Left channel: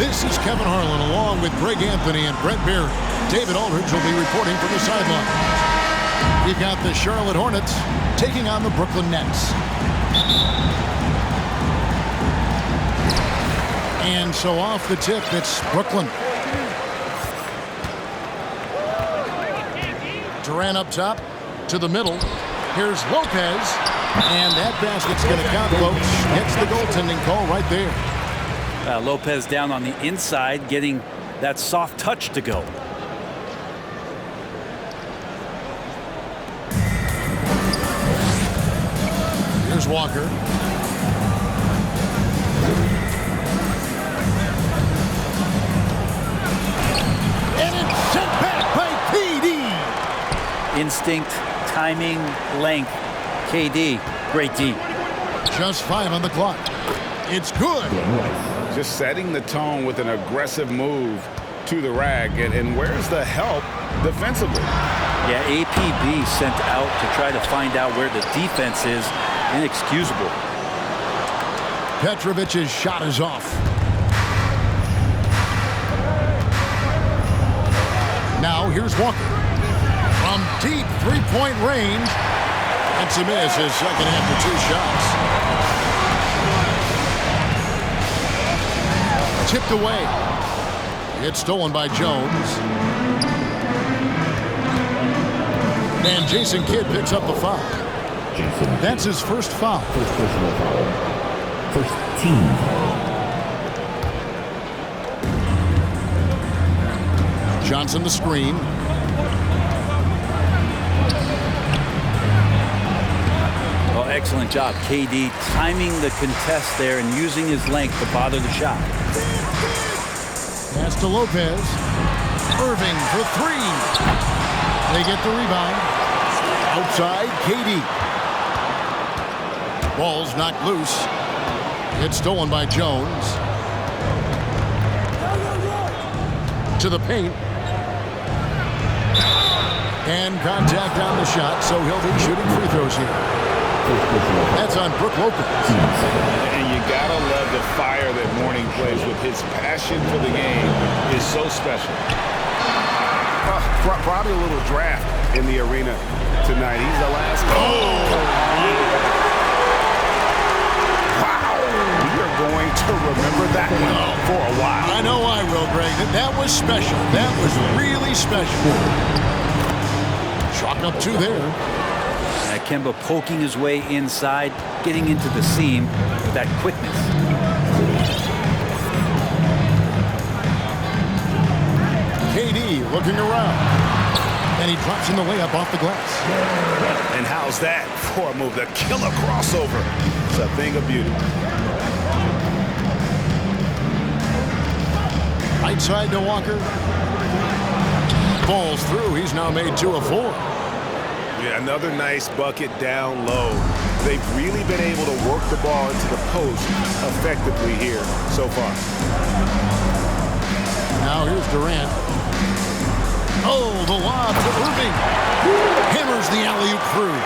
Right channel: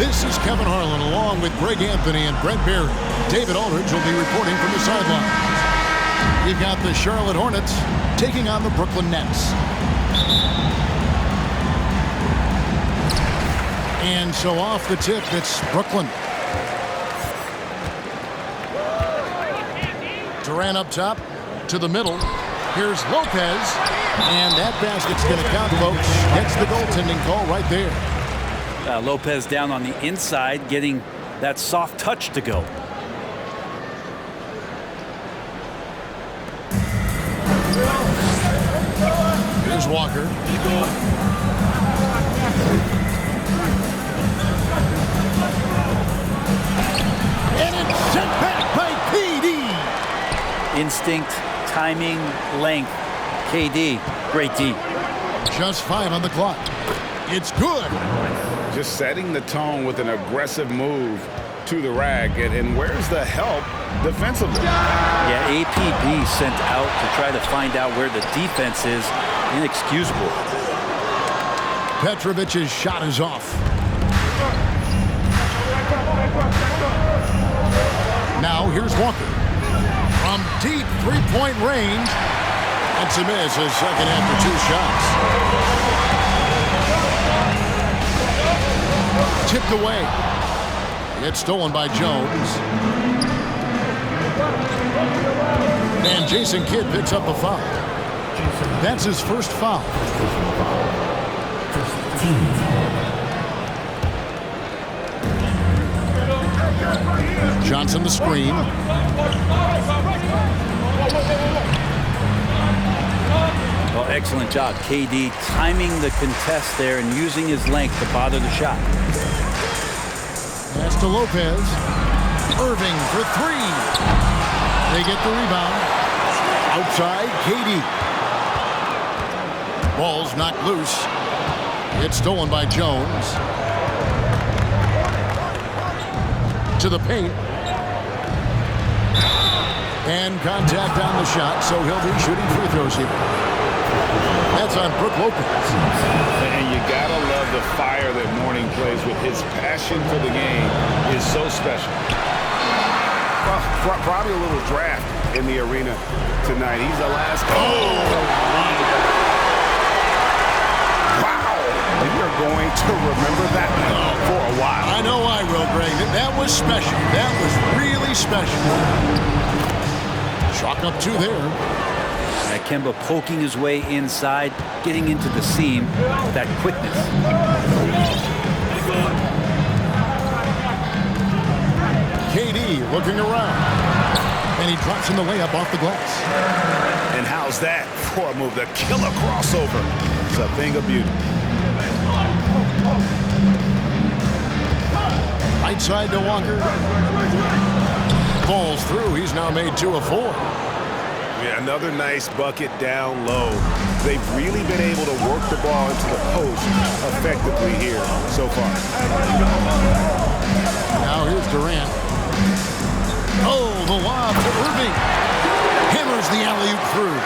This is Kevin Harlan along with Greg Anthony and Brent Barry. David Aldridge will be reporting from the sidelines. We've got the Charlotte Hornets taking on the Brooklyn Nets. And so off the tip, it's Brooklyn. Durant up top to the middle. Here's Lopez. And that basket's going to count, folks. Gets the goaltending call right there. Lopez down on the inside, getting that soft touch to go. Here's Walker. And it's sent back by KD. Instinct, timing, length. KD, great D. Just 5 on the clock. It's good. Just setting the tone with an aggressive move to the rack. And where's the help defensively? Yeah, APB sent out to try to find out where the defense is. Inexcusable. Petrovic's shot is off. Now here's Walker. From deep three-point range. That's a miss, his second after 2 shots. Tipped away. It's stolen by Jones. And Jason Kidd picks up the foul. That's his first foul. First personal foul. First team foul. Johnson the screen. Well, excellent job. KD timing the contest there and using his length to bother the shot. Pass to Lopez. Irving for 3. They get the rebound. Outside, KD. Ball's knocked loose. It's stolen by Jones. To the paint. And contact on the shot, so he'll be shooting free throws here. That's on Brook Lopez. And you gotta love the fire that Mourning plays with. His passion for the game is so special. Well, probably a little draft in the arena tonight. He's the last. Wow. We are going to remember that one for a while. I know I will, Greg. That was special. That was really special. Chalk up 2 there. Kemba poking his way inside, getting into the seam with that quickness. KD looking around. And he drops in the layup off the glass. And how's that for a move? The killer crossover. It's a thing of beauty. Right side to Walker. Falls through. He's now made 2 of 4. Yeah, another nice bucket down low. They've really been able to work the ball into the post effectively here so far. Now here's Durant. Oh, the lob to Irving. Hammers the alley-oop through.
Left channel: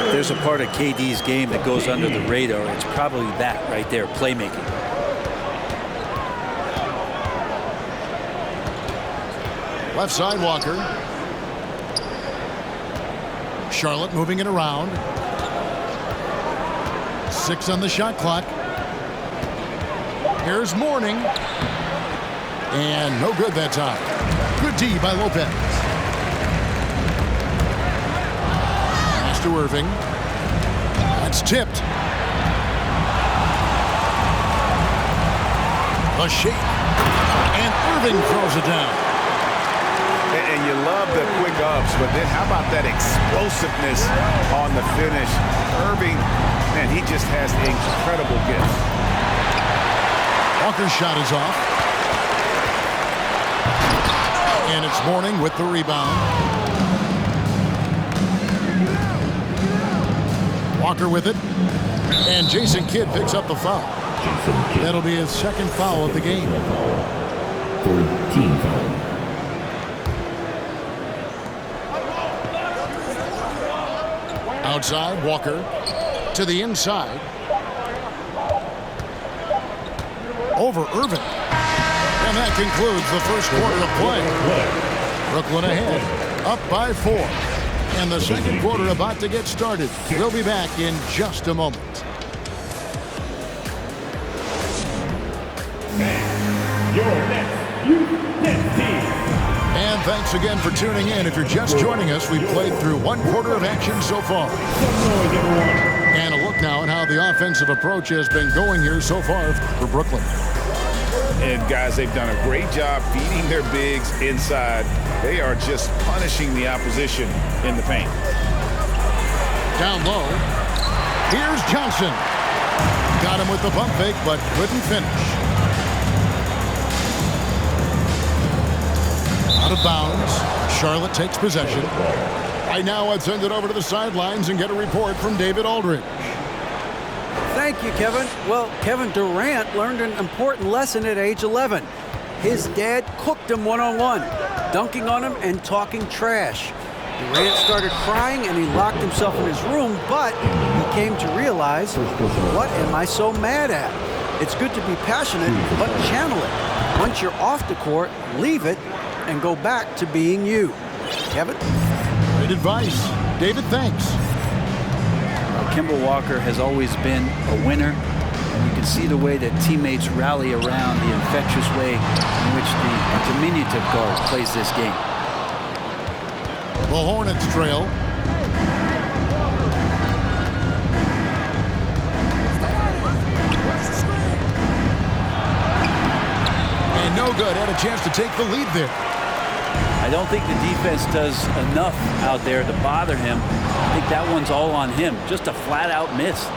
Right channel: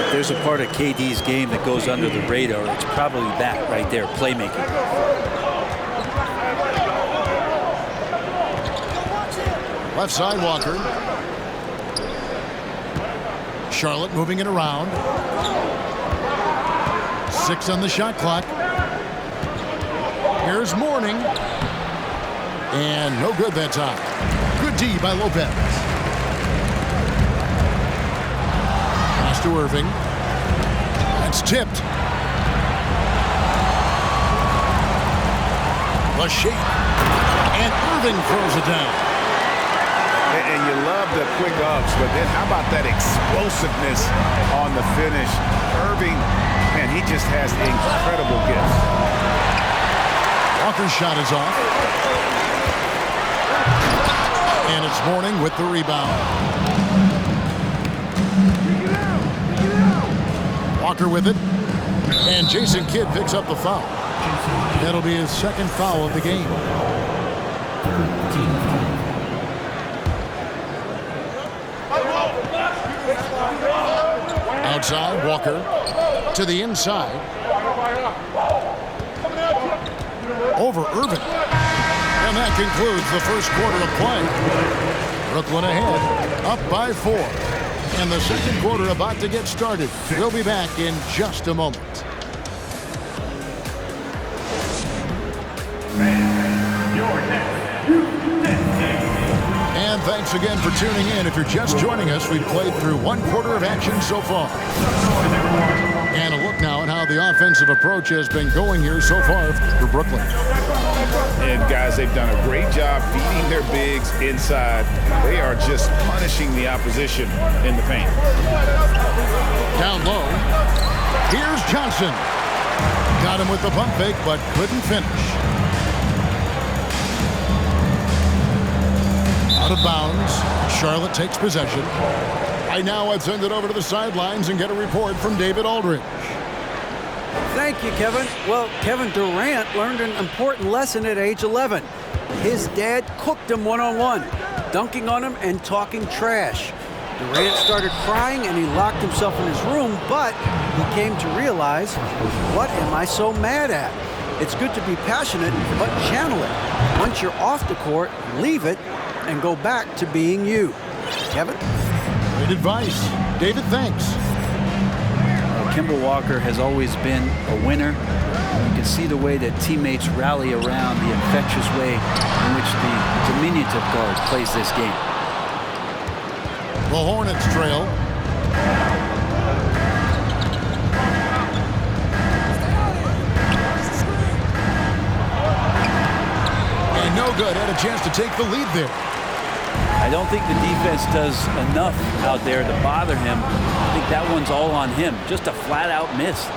If there's a part of KD's game that goes under the radar, it's probably that right there, playmaking. Left side, Walker. Charlotte moving it around. 6 on the shot clock. Here's Mourning. And no good that time. Good D by Lopez. Pass to Irving. That's tipped. The shake. And Irving throws it down. And you love the quick ups, but then how about that explosiveness on the finish? Irving, man, he just has incredible gifts. Walker's shot is off. And it's Mourning with the rebound. Walker with it. And Jason Kidd picks up the foul. That'll be his second foul of the game. Third team foul. Outside, Walker to the inside. Over Irving. And that concludes the first quarter of play. Brooklyn ahead, up by 4. And the second quarter about to get started. We'll be back in just a moment. And thanks again for tuning in. If you're just joining us, we've played through one quarter of action so far. And a look now at how the offensive approach has been going here so far for Brooklyn. And guys, they've done a great job feeding their bigs inside. They are just punishing the opposition in the paint. Down low. Here's Johnson. Got him with the pump fake, but couldn't finish. Out of bounds. Charlotte takes possession. Right now, let's send it over to the sidelines and get a report from David Aldridge. Thank you, Kevin. Well, Kevin Durant learned an important lesson at age 11. His dad cooked him one-on-one, dunking on him and talking trash. Durant started crying and he locked himself in his room, but he came to realize, what am I so mad at? It's good to be passionate, but channel it. Once you're off the court, leave it and go back to being you. Kevin? Great advice. David, thanks. Kemba Walker has always been a winner, and you can see the way that teammates rally around, the infectious way in which the diminutive guard plays this game. The Hornets trail. And no good. Had a chance to take the lead there. I don't think the defense does enough out there to bother him. I think that one's all on him. Just a flat-out miss.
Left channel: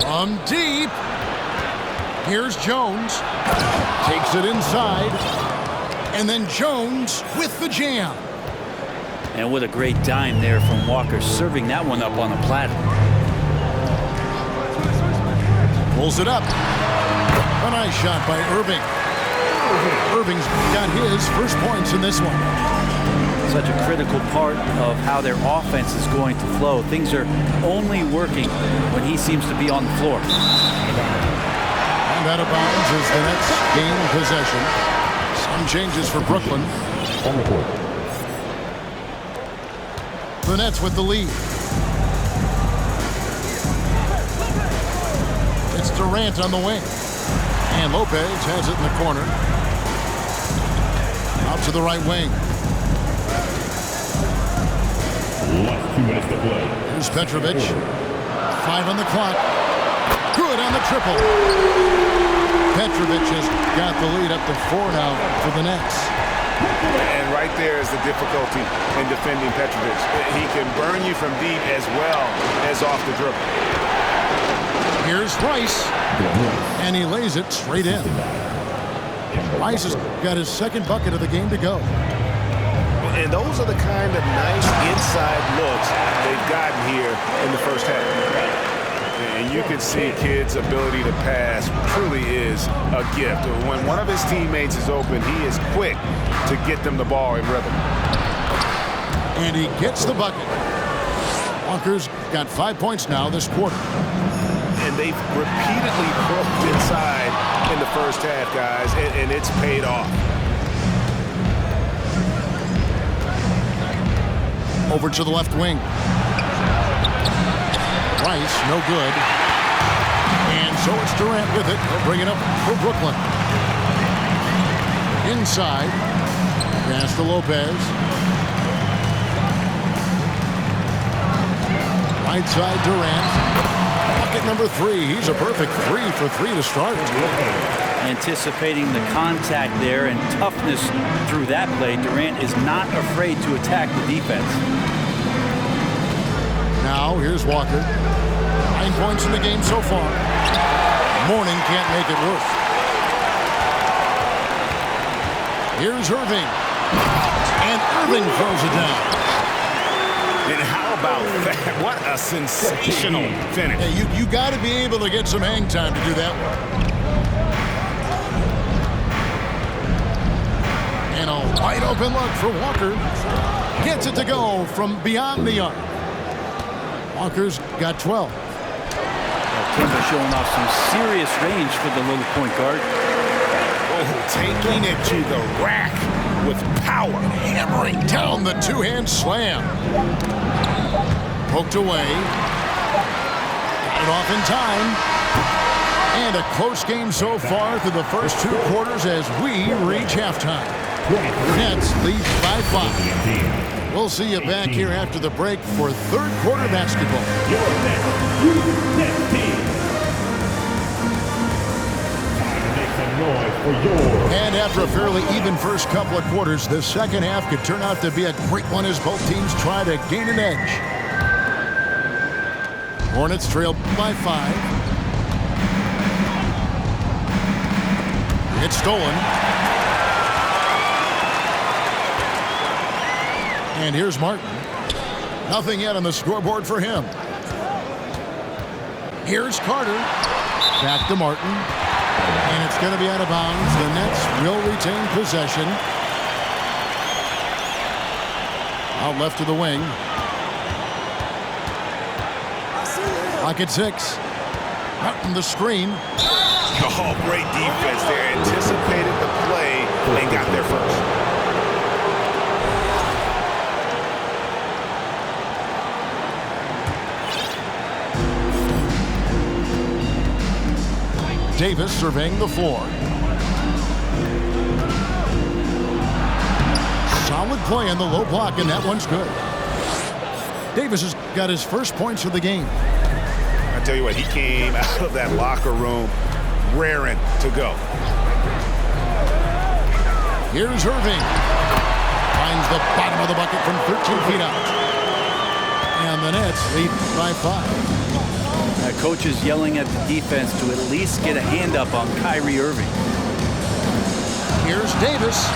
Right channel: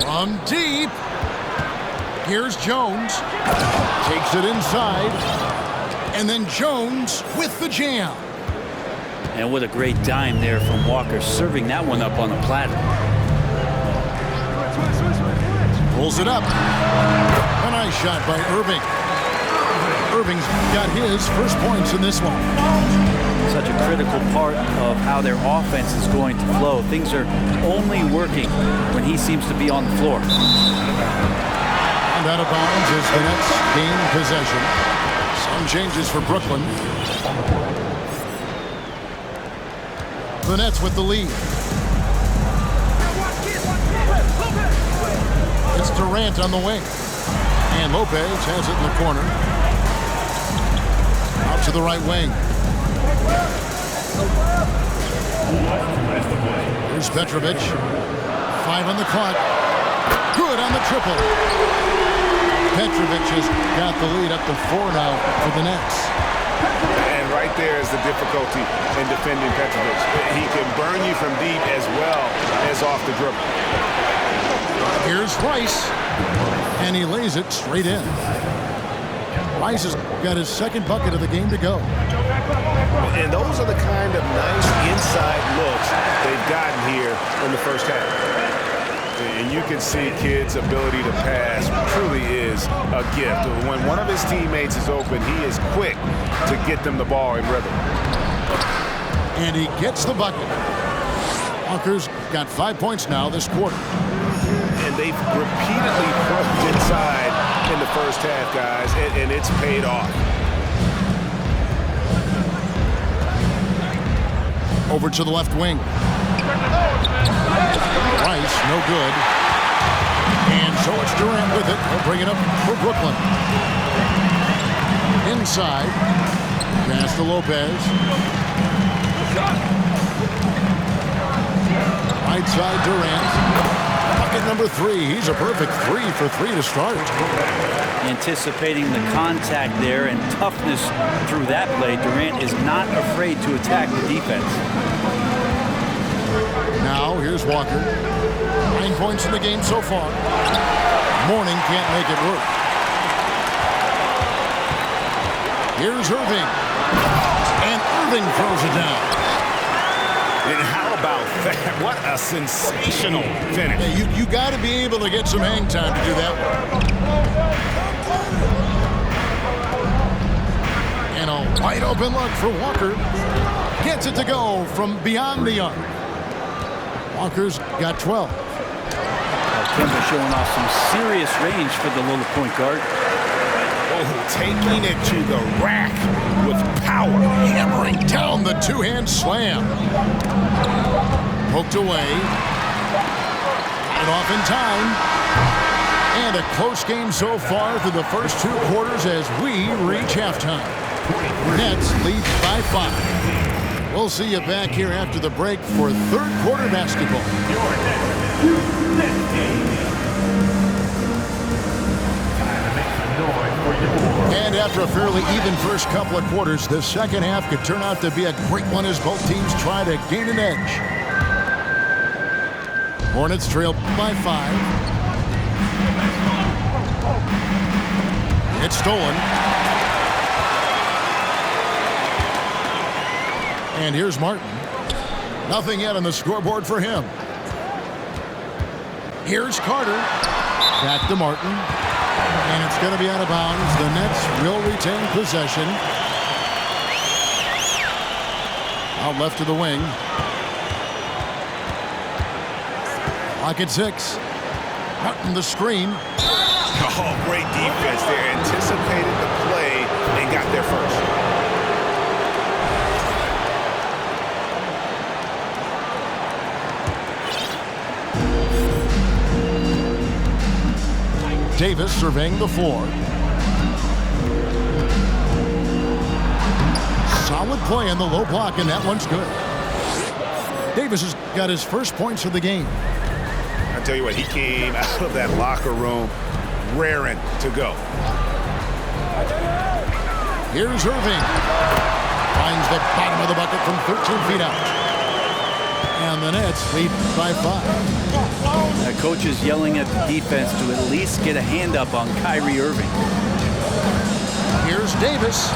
From deep. Here's Jones. Takes it inside. And then Jones with the jam. And what a great dime there from Walker, serving that one up on a platter. Pulls it up. A nice shot by Irving. Irving's got his first points in this one. Such a critical part of how their offense is going to flow. Things are only working when he seems to be on the floor. And out of bounds as the Nets gain possession. Some changes for Brooklyn. The Nets with the lead. It's Durant on the wing. And Lopez has it in the corner. Out to the right wing. Here's Petrovic. 5 on the clock. Good on the triple. Petrovic has got the lead up to 4 now for the Nets. And right there is the difficulty in defending Petrovic. He can burn you from deep as well as off the dribble. Here's Rice. And he lays it straight in. Rice has got his second bucket of the game to go. And those are the kind of nice inside looks they've gotten here in the first half. And you can see Kidd's ability to pass truly is a gift. When one of his teammates is open, he is quick to get them the ball in rhythm. And he gets the bucket. Walker's got 5 points now this quarter. And they've repeatedly probed inside in the first half, guys, and it's paid off. Over to the left wing. Rice, no good. And so it's Durant with it. He'll bring it up for Brooklyn. Inside. Pass to Lopez. Right side, Durant. Bucket number 3. He's a perfect 3 for 3 to start. Anticipating the contact there and toughness through that play, Durant is not afraid to attack the defense. Now, here's Walker. 9 points in the game so far. Mourning can't make it work. Here's Irving. And Irving throws it down. And how about that? What a sensational finish. Hey, you got to be able to get some hang time to do that one. And a wide open look for Walker. Gets it to go from beyond the arc. Walker's got 12. Kemba showing off some serious range for the little point guard. Oh, taking it to the rack with power. Hammering down the two-hand slam. Poked away. Got it off in time. And a close game so far through the first 2 quarters as we reach halftime. Nets lead by 5. We'll see you back here after the break for third quarter basketball. And after a fairly even first couple of quarters, the second half could turn out to be a great one as both teams try to gain an edge. Hornets trail by 5. It's stolen. And here's Martin. Nothing yet on the scoreboard for him. Here's Carter. Back to Martin. And it's going to be out of bounds. The Nets will retain possession. Out left to the wing. Lock at 6. Martin the screen. Oh, great defense there. Anticipated the play and got there first. Davis surveying the floor. Solid play in the low block, and that one's good. Davis has got his first points of the game. I tell you what, he came out of that locker room raring to go. Here's Irving. Finds the bottom of the bucket from 13 feet out. And the Nets lead by 5. Coach is yelling at the defense to at least get a hand up on Kyrie Irving. Here's Davis.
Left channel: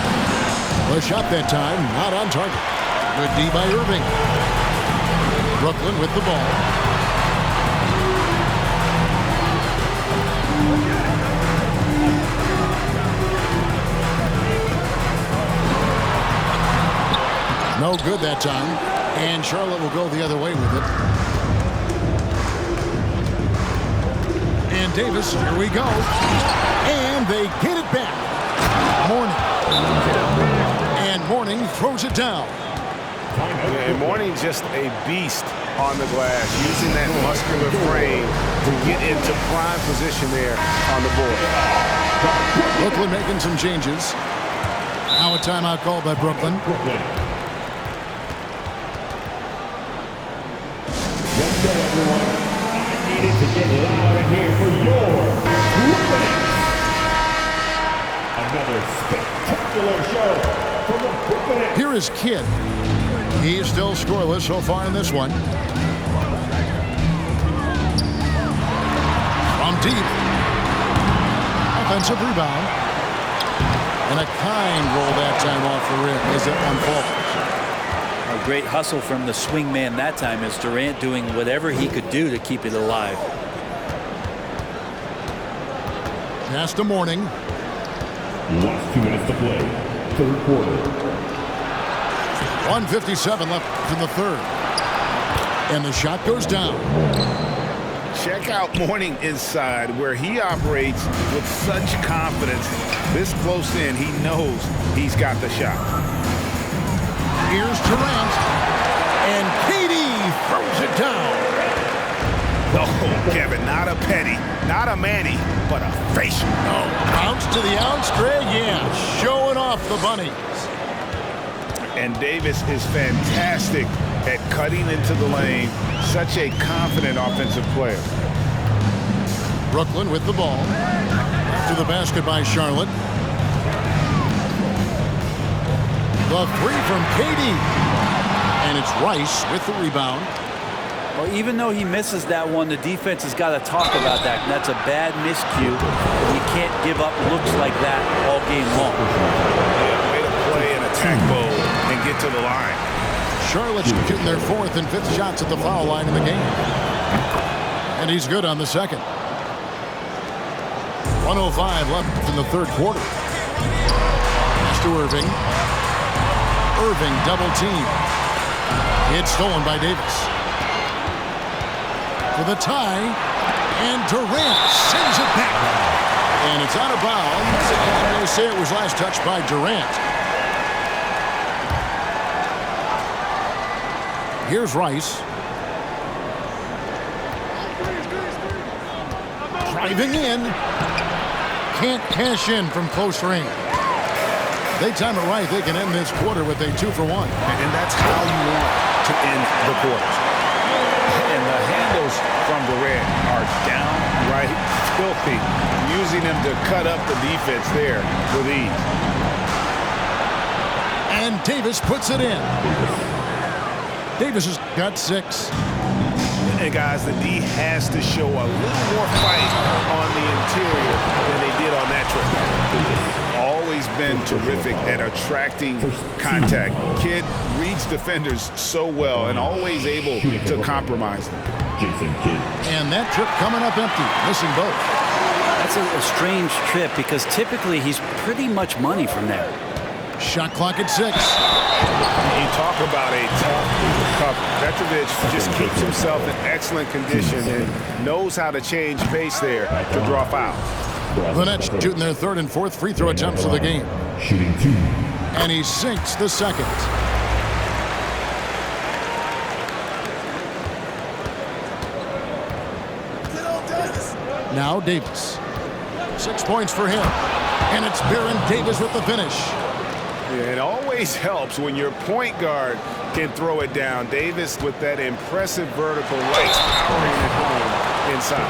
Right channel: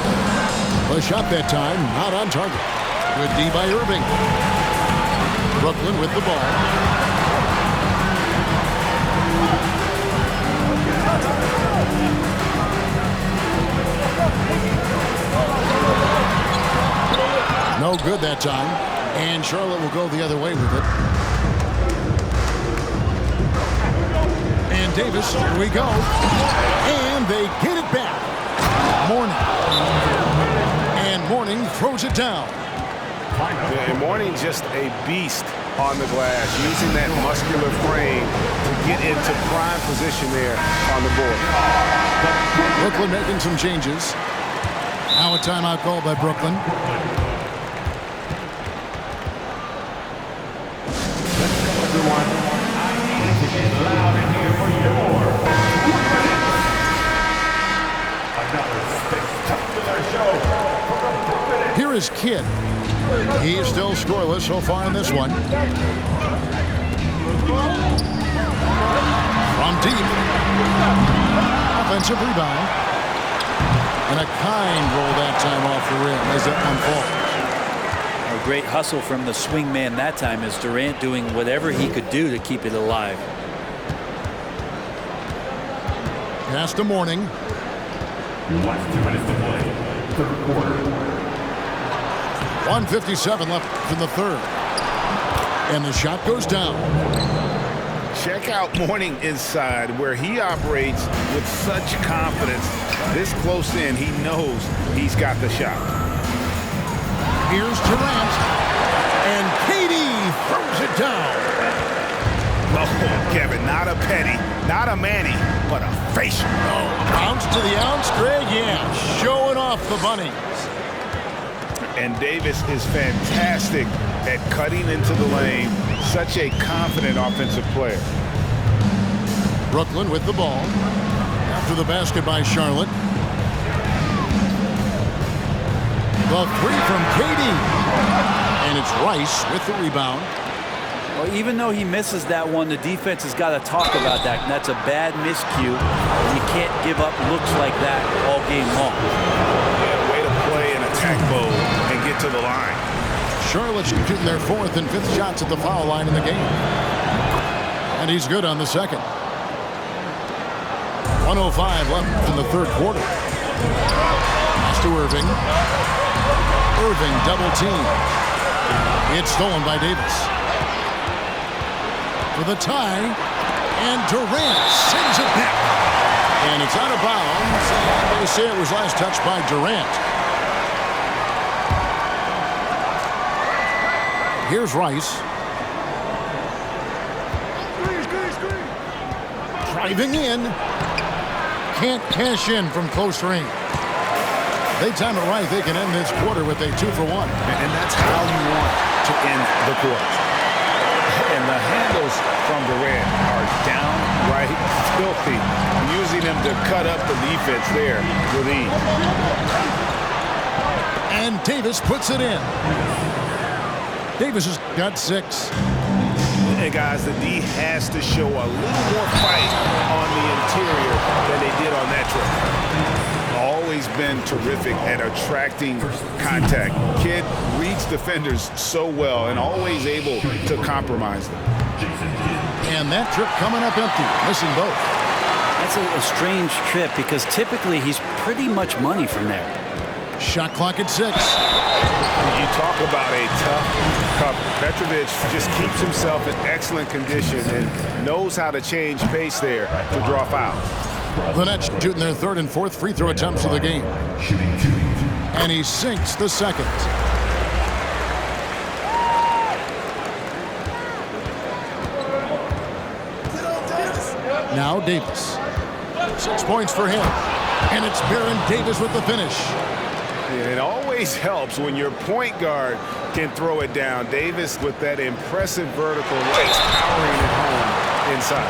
The shot that time, not on target. Good D by Irving. Brooklyn with the ball. No good that time. And Charlotte will go the other way with it. And Davis, here we go. And they get it back. Mourning. And Mourning throws it down. Yeah, and Mourning just a beast on the glass, using that muscular frame to get into prime position there on the board. Brooklyn making some changes. Now a timeout called by Brooklyn. Here is Kidd. He's still scoreless so far in this one. From deep. Offensive rebound. And a kind roll that time off the rim as that one falls. A great hustle from the swing man that time as Durant doing whatever he could do to keep it alive. Pass to Mourning. Last 2 minutes to play. Third quarter. 1:57 left in the third. And the shot goes down. Check out Mourning inside, where he operates with such confidence. This close in, he knows he's got the shot. Here's Durant. And KD throws it down. Oh, Kevin, not a petty, not a Manny, but a facial. Oh, a bounce to the ounce, Greg. Yeah, showing off the bunnies. And Davis is fantastic at cutting into the lane. Such a confident offensive player. Brooklyn with the ball. After the basket by Charlotte. The three from KD. And it's Rice with the rebound. Well, even though he misses that one, the defense has got to talk about that. And that's a bad miscue. You can't give up looks like that all game long. Yeah, way to play an attack mode and get to the line. Charlotte's shooting their 4th and 5th shots at the foul line in the game. And he's good on the second. 1:05 left in the third quarter. Pass to Irving. Irving double team. It's stolen by Davis. for the tie. And Durant sends it back. And it's out of bounds. And they say it was last touched by Durant. Here's Rice. Driving in. Can't cash in from close range. They time it right. They can end this quarter with a 2-for-1. And that's how you want to end the quarters. And the handles from Durant are downright filthy, using them to cut up the defense there with ease. And Davis puts it in. Davis has got 6. And guys, the D has to show a little more fight on the interior than they did on that trip. Always been terrific at attracting contact. Kid reads defenders so well and always able to compromise them. And that trip coming up empty, missing both. That's a strange trip because typically he's pretty much money from there. Shot clock at 6. You talk about a tough cover. Petrovic just keeps himself in excellent condition and knows how to change pace there to draw fouls. The Nets shooting their 3rd and 4th free throw attempts of the game. Shooting 2. And he sinks the second. Now Davis. 6 points for him. And it's Baron Davis with the finish. Yeah, it always helps when your point guard can throw it down. Davis with that impressive vertical legs powering it home inside.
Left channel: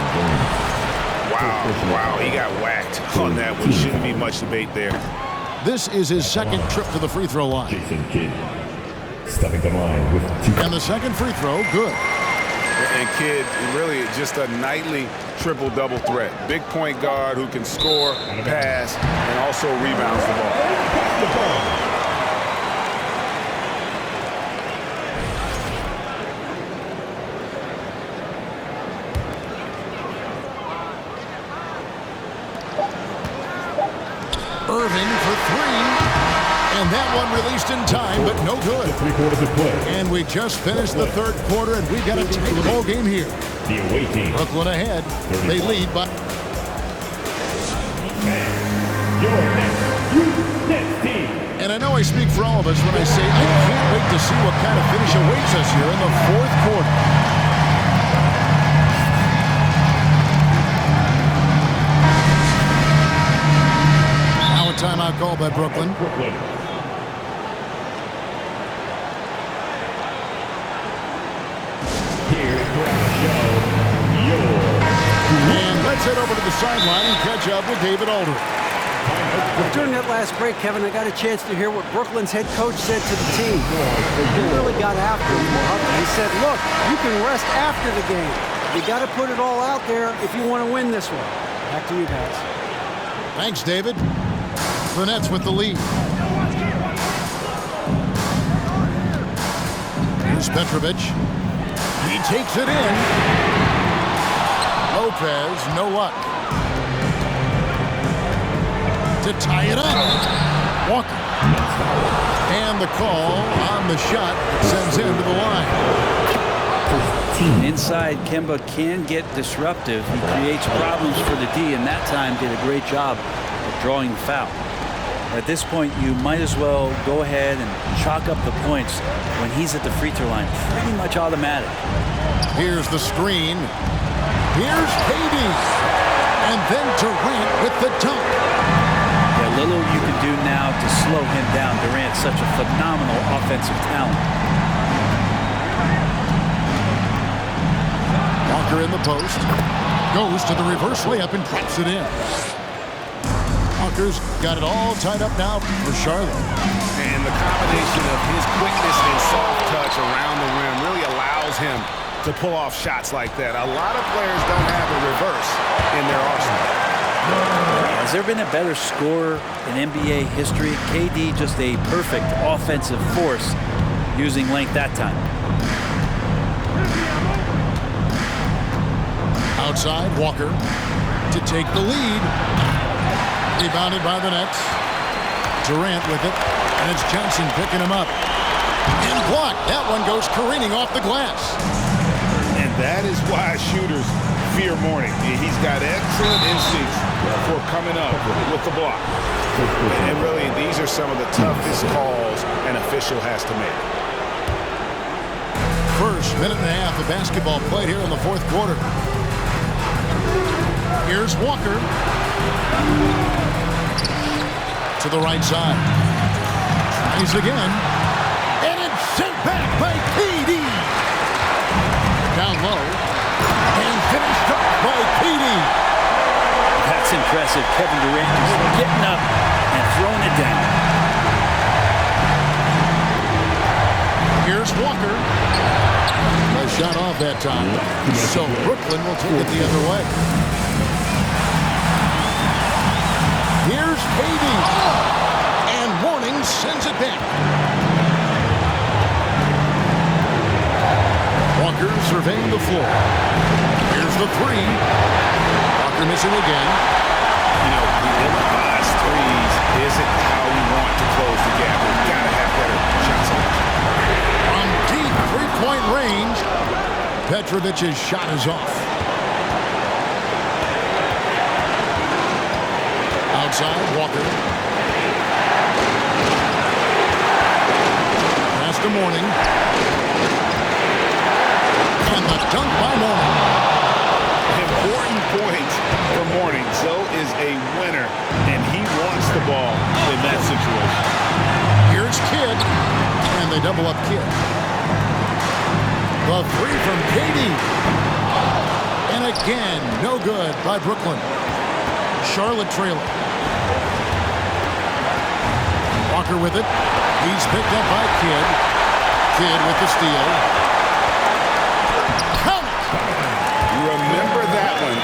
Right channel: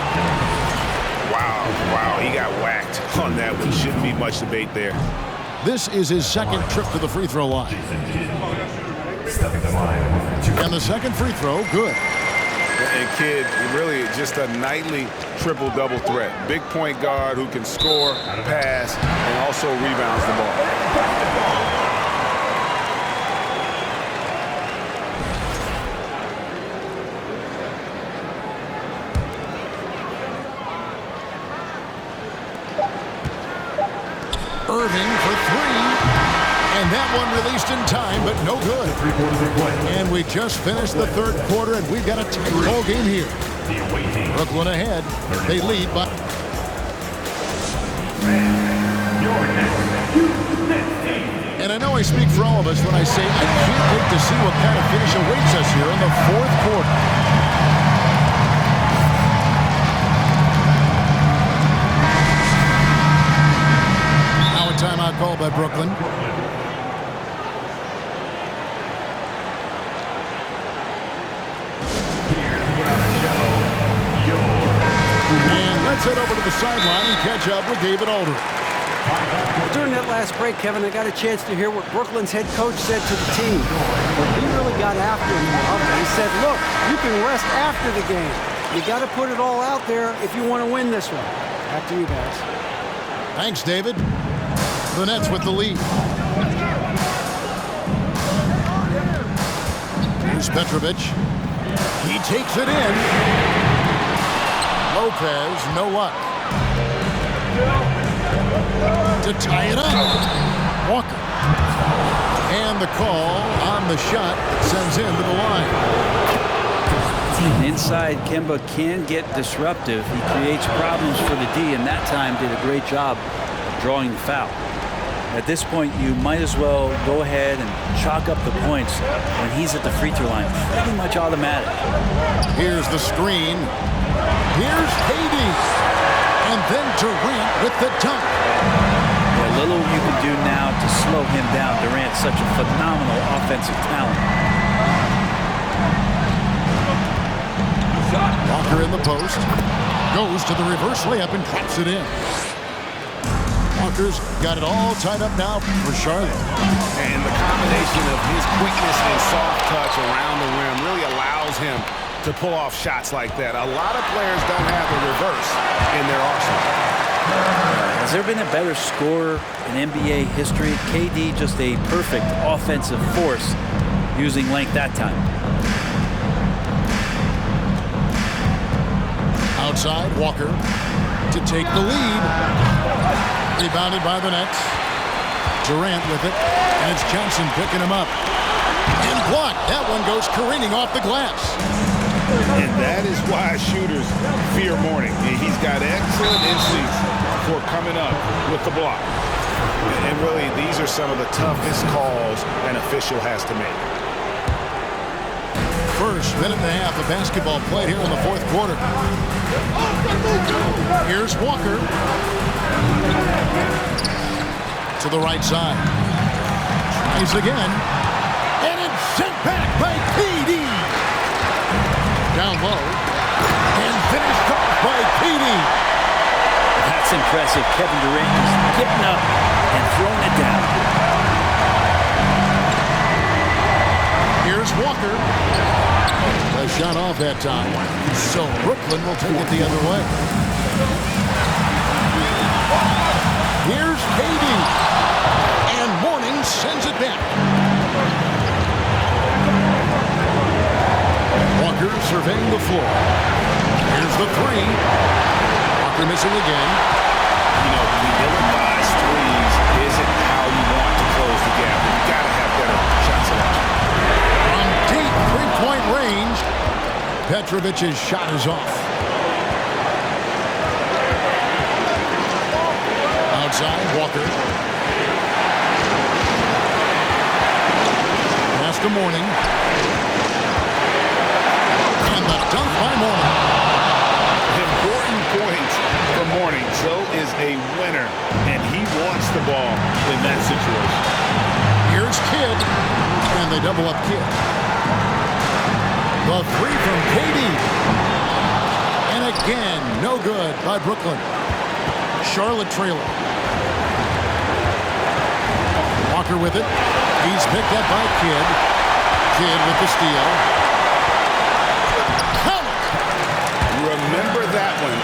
Wow, he got whacked on that one. Shouldn't be much debate there. This is his 2nd trip to the free throw line. Jason Kidd stepping the line with 2. And the 2nd free throw, good. And Kidd, really just a nightly triple-double threat. Big point guard who can score, pass, and also rebounds the ball. Irving for 3. And that one released in time, but no good. 3 quarters of play. And we just finished the 3rd quarter, and we've got a tight ball game here. The away team. Brooklyn ahead. They lead by... Your next team. And I know I speak for all of us when I say I can't wait to see what kind of finish awaits us here in the 4th quarter. Now a timeout call by Brooklyn. And let's head over to the sideline and catch up with David Aldridge. During that last break, Kevin, I got a chance to hear what Brooklyn's head coach said to the team. He really got after him. He said, look, you can rest after the game. You got to put it all out there if you want to win this one. Back to you guys. Thanks, David. The Nets with the lead. Here's Petrovic. He takes it in. Lopez, no luck. To tie it up. Walker. And the call on the shot that sends him to the line. Inside, Kemba can get disruptive. He creates problems for the D, and that time did a great job of drawing the foul. At this point, you might as well go ahead and chalk up the points when he's at the free throw line. Pretty much automatic. Here's the screen. Here's KD. And then Durant with the dunk. Yeah, little you can do now to slow him down. Durant's such a phenomenal offensive talent. Walker in the post. Goes to the reverse layup and drops it in. Walker's got it all tied up now for Charlotte. And the combination of his quickness and soft touch around the rim really allows him to pull off shots like that. A lot of players don't have a reverse in their arsenal. Has there been a better scorer in NBA history? KD just a perfect offensive force using length that time. Outside, Walker to take the lead. Rebounded by the Nets. Durant with it. And it's Johnson picking him up. And blocked. That one goes careening off the glass. And that is why shooters fear Mourning. He's got excellent instincts for coming up with the block. And really, these are some of the toughest calls an official has to make. First minute and a half of basketball played here in the fourth quarter. Here's Walker. To the right side. Tries again. And it's sent back by KD. Down low. And finished off by KD. That's impressive. Kevin Durant is getting up and throwing it down. Here's Walker. A shot off that time. So Brooklyn will take it the other way. Here's KD. And Mourning sends it back. Walker surveying the floor. Here's the three. Walker missing again. You know, the ill-advised threes isn't how you want to close the gap. You've got to have better shot selection. From deep three-point range, Petrovic's shot is off. Outside, Walker. Pass to Mourning. And the dunk by Mourning. Important points for Mourning. So is a winner, and he wants the ball in that situation. Here's Kidd, and they double up Kidd. The three from KD. And again, no good by Brooklyn. Charlotte trailing. Walker with it. He's picked up by Kidd. Kidd with the steal. Count it! Remember that one.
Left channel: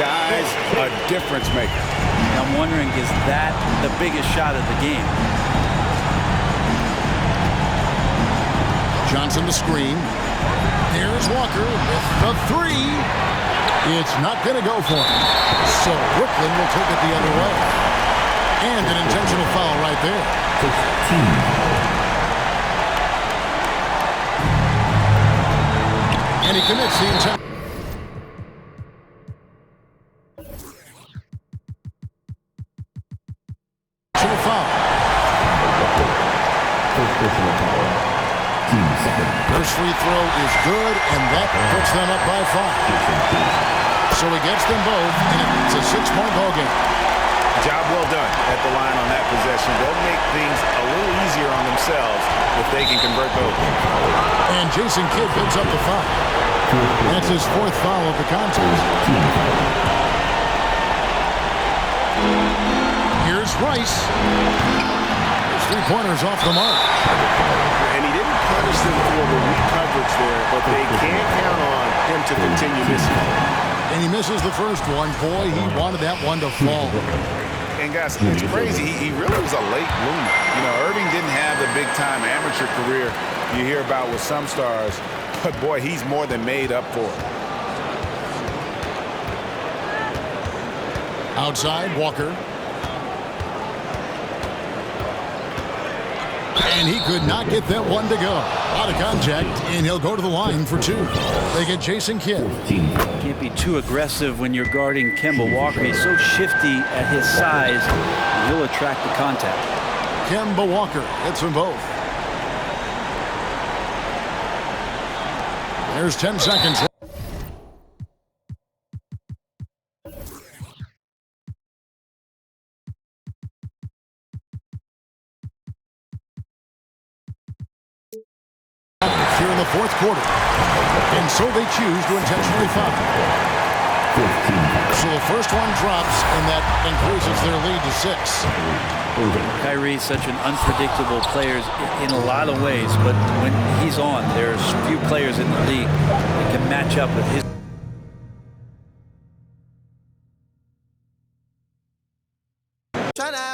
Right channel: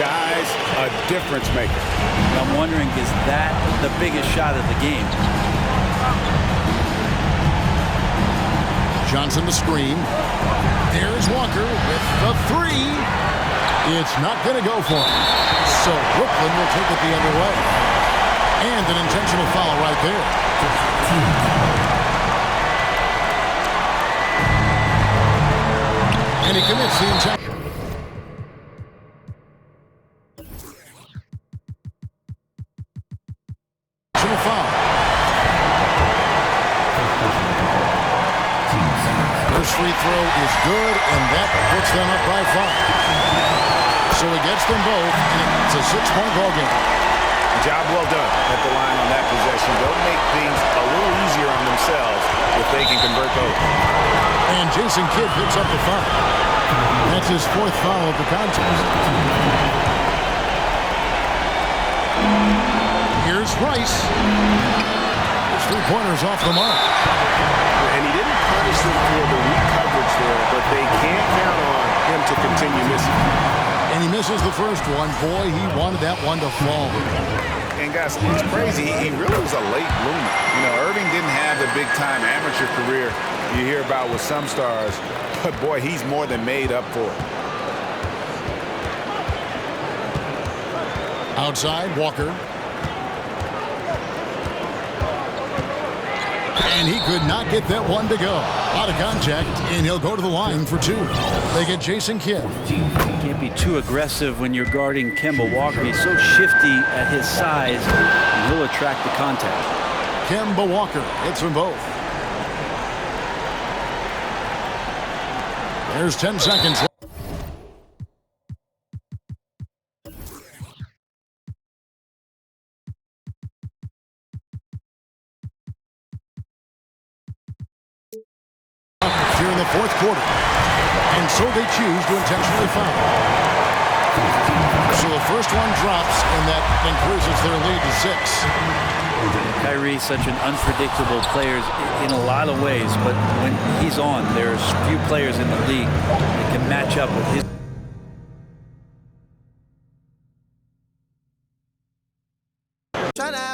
Guys, a difference maker. I'm wondering, is that the biggest shot of the game? Johnson the screen. There's Walker with the three. It's not going to go for him. So Brooklyn will take it the other way. And an intentional foul right there. And he commits the intentional foul. First free throw is good, and that puts them up by 5. So he gets them both, and it's a 6-point ball game. Job well done at the line on that possession. They'll make things a little easier on themselves if they can convert those. And Jason Kidd picks up the foul. That's his 4th foul of the contest. Here's Rice. His three-pointers off the mark. And he didn't punish them for the weak coverage there, but they can't count on him to continue missing. And he misses the first one. Boy, he wanted that one to fall. And guys, it's crazy. He really was a late bloomer. You know, Irving didn't have the big-time amateur career you hear about with some stars, but boy, he's more than made up for it. Outside, Walker. And he could not get that one to go. A lot of contact, and he'll go to the line for 2. They get Jason Kidd. Can't be too aggressive when you're guarding Kemba Walker. He's so shifty at his size, and he'll attract the contact. Kemba Walker hits them both. There's 10 seconds left. Here in the fourth quarter. And so they choose to intentionally foul. So the first one drops, and that increases their lead to 6. Kyrie's such an unpredictable player in a lot of ways, but when he's on, there's few players in the league that can match up with his. Try now.